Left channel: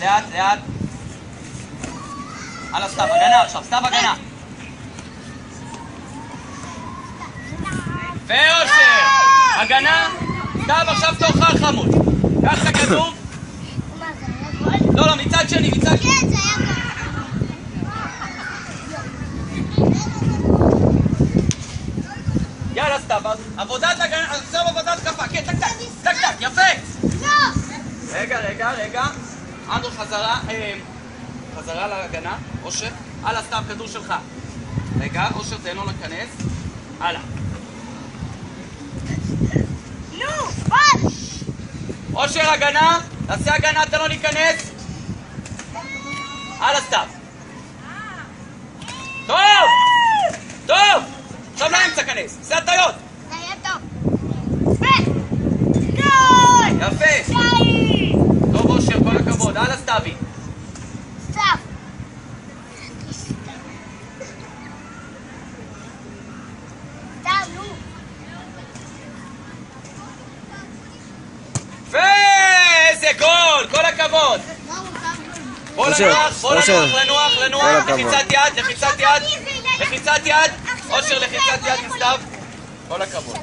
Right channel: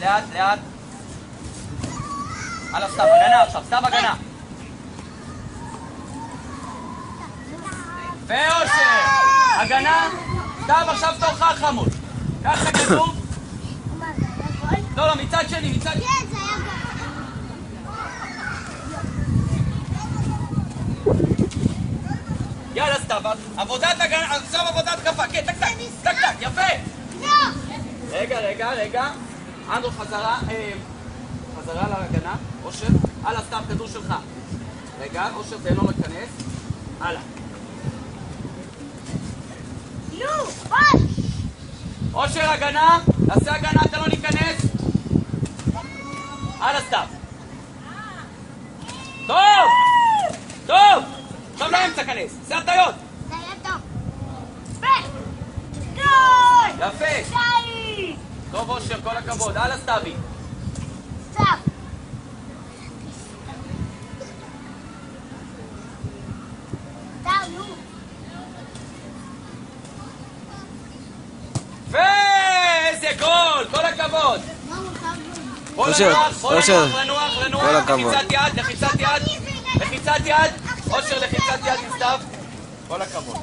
לאט, לאט. הלאה, סתיו, הגנה עכשיו, סתיו, הגנה. ואושר! הגנה, סתיו, עכשיו תאכל חמוד. ככה כדור. לא, לא, מצד שני, מצד שני. יאללה, סתיו, עבודת הגנה, עכשיו עבודת כפה, כן, טק, טק, טק, טק, יפה! רגע, רגע, רגע. אנדרו, חזרה להגנה, אושר. הלאה, סתיו, כדור שלך. רגע, אושר, תן לו להיכנס. הלאה. אושר, הגנה, תעשה הגנה, תן לו להיכנס. הלאה, סתיו. טוב! טוב! עכשיו לאמצע כנס, זה הטיות. יפה. טוב, אושר, כל הכבוד. הלאה, סתיוי. איזה גול! כל הכבוד! אושר, אושר, כל הכבוד. לחיצת יד, לחיצת יד, לחיצת יד, אושר, לחיצת יד מסתיו. כל הכבוד.